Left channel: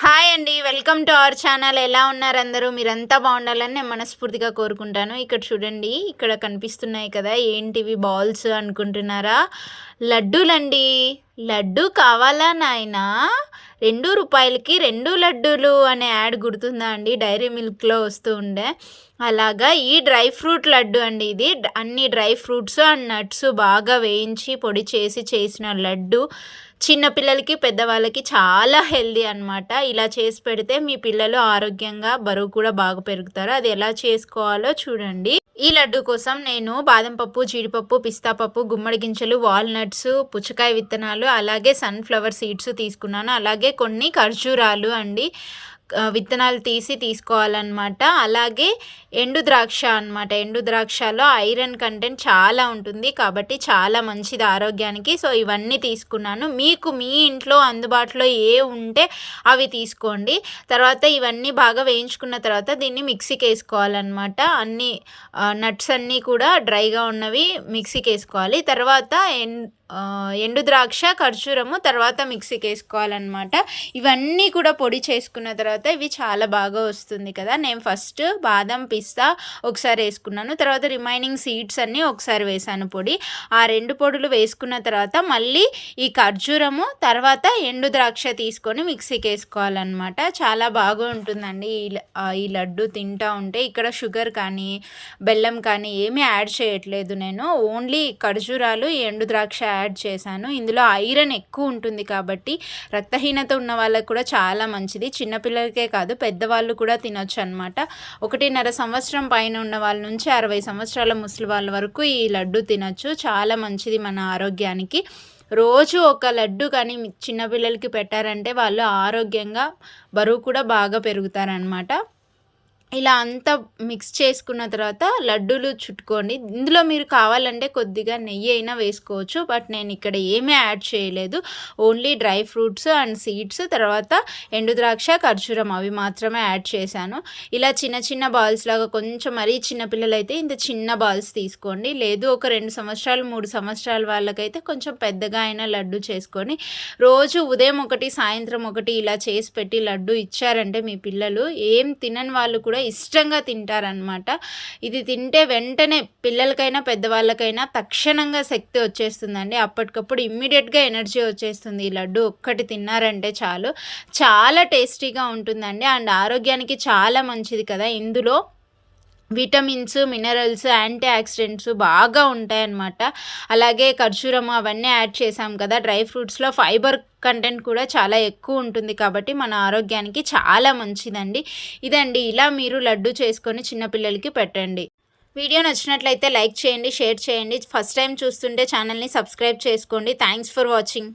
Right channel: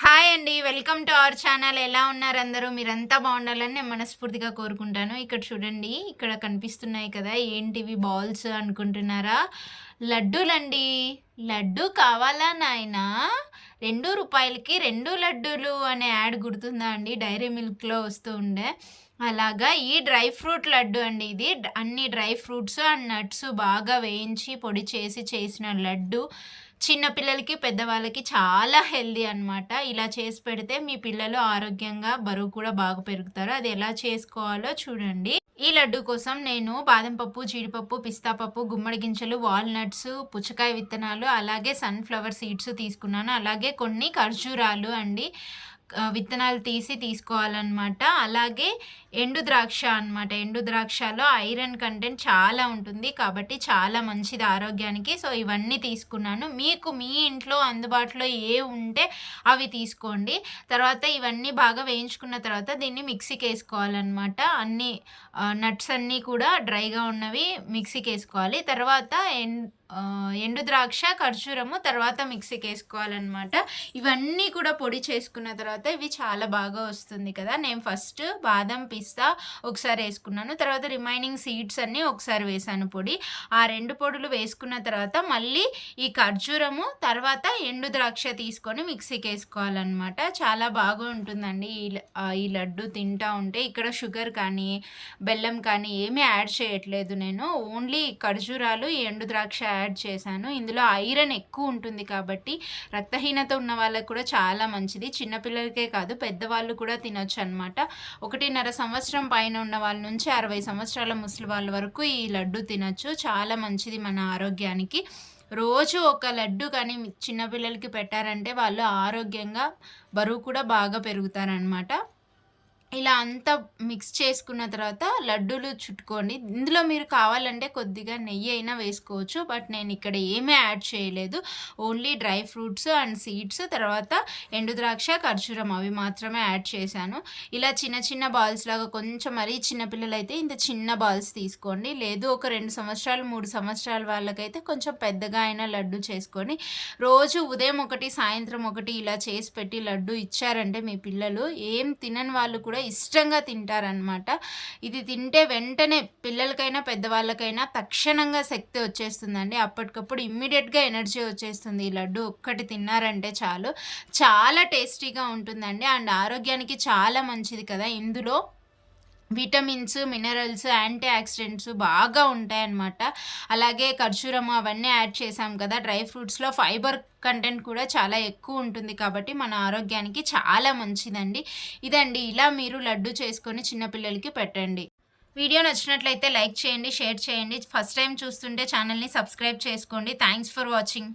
Hi అండి welcome to our channel. ఎలా ఉన్నారు అందరూ? మీరంతా బాగుండాలని నేను మనస్ఫూర్తిగా కోరుకుంటాను. ఇక్కడ చూడండి ఇక్కడ కనిపిస్తున్నాయి కదా ఏంటివి బాల్స్ అనుకుంటున్నారా? లడ్డూలండి. లడ్డు కావాలా నాయనా? రెండు రూపాయలకి రెండు లడ్డూలు అనే యాడ్ గుర్తుందా అండి? డైరీ మిల్క్లో వస్తూ ఉండే. అలాగా ఈ డ్రై ఫ్రూట్ లడ్డు అండి ఇది. అన్ని డ్రై ఫ్రూట్స్ అండ్ నట్స్ బాగా వేయించి పొడి చేసి చేసిన లడ్డు. చిన్నపిల్లలకి పెద్దవాళ్ళకి చాలా హెల్దీ అనమాట ఇలా చేసి పెడితే మీ పిల్లలు ఆరోగ్యంగా బరువు కూడా బాగా పెరుగుతారు. అది ఎలా చేసుకోవాలో చూడండి. ఈ లడ్డు కోసం నేను బాదం పప్పు జీడిపప్పు పిస్తా పప్పు గుమ్మడి గింజలు వాల్నట్స్ పుచ్చకాయ విత్తనాలు అలాగే సన్ఫ్లవర్ సీడ్స్ తీసుకున్నాను. అలాగే కొన్ని ఖర్జూరాలు అండి. విత్తనాలు తీసి తీసుకోవాలన్నమాట. అలాగే ఎండు ద్రాక్ష అనమాట ఎండు ద్రాక్షలో ఐరన్ కంటెంట్ చాలా ఉంటుంది. కాబట్టి చాలా మంచిది ఆరోగ్యానికి. సో ఇవన్నీ తీసుకున్నాను. మీకు మీ ఇంట్లో అందుబాటులో ఏ ఉంటే అవి తీసుకోండి. తర్వాత ఇవన్నీ బాగా వేయించుకున్న తర్వాత దీన్ని మిక్సీకి వేసుకోవాలన్నమాట. అన్ని నట్స్ అన్నీ కూడా డ్రైగా ఉన్నవి మిక్సీకి వేసుకోవాలి. తర్వాత ఎన్ ఎండు ద్రాక్ష ఖర్జూరము తర్వాత మిక్సీకి వేసుకోవాలన్నమాట. ఇవన్నీ కూడా పొడి చేసుకున్న తర్వాత ఇవి చాలా బాగా వస్తుంది కదా. నేను ఫస్ట్ బాదం పిస్తా ఒకసారి వేసుకున్నాను. తర్వాత రిమైనింగ్ సీడ్స్ అన్నీ ఒకసారి వేసాను పొడి. ఆ రెండు పొడులు వేసుకున్న తర్వాత మళ్ళీ ఈ ఖర్జూరము తర్వాత ఎండు ద్రాక్ష తీసుకొని మిక్సీకి వేసుకోవాలన్నమాట. చాలా బాగా ఉంటుందండి. ఈ ఈ లడ్డు తింటా ఉంటే ఇక్కడ షుగర్ కానీ బెల్లం కానీ ఏమీ యాడ్ చేయట్లేదు నేను. ఓన్లీ ఖర్జూరాలు ఎండు ద్రాక్ష యాడ్ చేశాను. ఇందులో ఐరన్ ఎక్కువ ఉంటుంది కాబట్టి రక్తహీనత ఉన్న వాళ్ళకి కూడా చాలా మంచిది. పిల్లలకే కాదు పెద్దవాళ్ళు కూడా తినొచ్చు అనమాట ఒకటిన్నర సంవత్సరం పైన ఉన్న వాళ్ళ నుంచి అరవై సంవత్సరాల ముసలి వాళ్ళ వరకు ఈ లడ్డు తినొచ్చు. చాలా మంచిది మన ఆరోగ్యానికి. రోజు ఒక లడ్డు కానీ చిన్నపిల్లలకి పెట్టారంటే వాళ్ళు ఆరోగ్యంగా బరువు కూడా బాగా పెరుగుతారనమాట ఇలా అంతా మిక్స్ చేసుకున్న తర్వాత లడ్డూలు చుట్టుకోండి. ఇందులో మీరు కావాలంటే కొద్దిగా నెయ్యి అయినా వేసుకోవచ్చు. బట్ నేను ఇక్కడ ఏమీ యాడ్ చేయలేదు. Only dry fruits and seeds తర్వాత ఎండు ద్రాక్ష ఖర్జూరం అవి మాత్రమే యాడ్ చేశాను. ఇలా చిన్న చిన్న బాల్స్ లాగా కొంచెం మరీ చిన్నపిల్లలు అయితే ఇంత చిన్న బాల్స్ తీసుకోండి. లేదు ఒక రెండు సంవత్సరాలు మూడు సంవత్సరాల వాళ్ళకైతే కొంచెం పెద్దగా అయినా లడ్డు చేసుకొని రోజు ఉదయం ఒకటి సాయంత్రం ఒకటి ఇలా చేసి పెట్టి లడ్డు ఇచ్చారంటే మీ పిల్లలు ఏం తినని వాళ్ళు కూడా కూడా ఇష్టంగా తింటారనమాట ఇది తింటే వెంటనే పిల్లలకైనా పెద్దవాళ్ళకైనా తక్షణంగా శక్తి వచ్చేస్తుందండి. అప్పటికప్పుడు ఇమ్మీడియట్గా ఎనర్జీ వచ్చేస్తుంది. ఈ లడ్డు ఒక్కటి తిన్నారంటే చాలు. చాలా టేస్టీగా ఉంటుందండి. అండ్ ఆరోగ్యానికి చాలా మంచిది కదా. ఇందులో విటమిన్స్ మినరల్స్ యాంటీ ఆక్సిడెంట్స్ బాగా ఉంటాయన్నమాట. అలాగే ఖర్జూరం అవన్నీ యాడ్ చేసాం కదా డ్రై ఫ్రూట్స్లో ఫైబర్ కంటెంట్ కూడా చాలా ఎక్కువ ఉంటుంది కాబట్టి మన ఆరోగ్యానికి చాలా మంచిదండి. ఇదండి ఇలా మీరు లడ్డు చేసుకొని చిన్నపిల్లలకి పెట్టండి. వీడియో నచ్చినట్లయితే లైక్ చేయండి షేర్ చేయండి. ఫస్ట్ టైం చూస్తుంటే ఛానల్ని సబ్స్క్రైబ్ చేసుకోండి. Thanks for watching.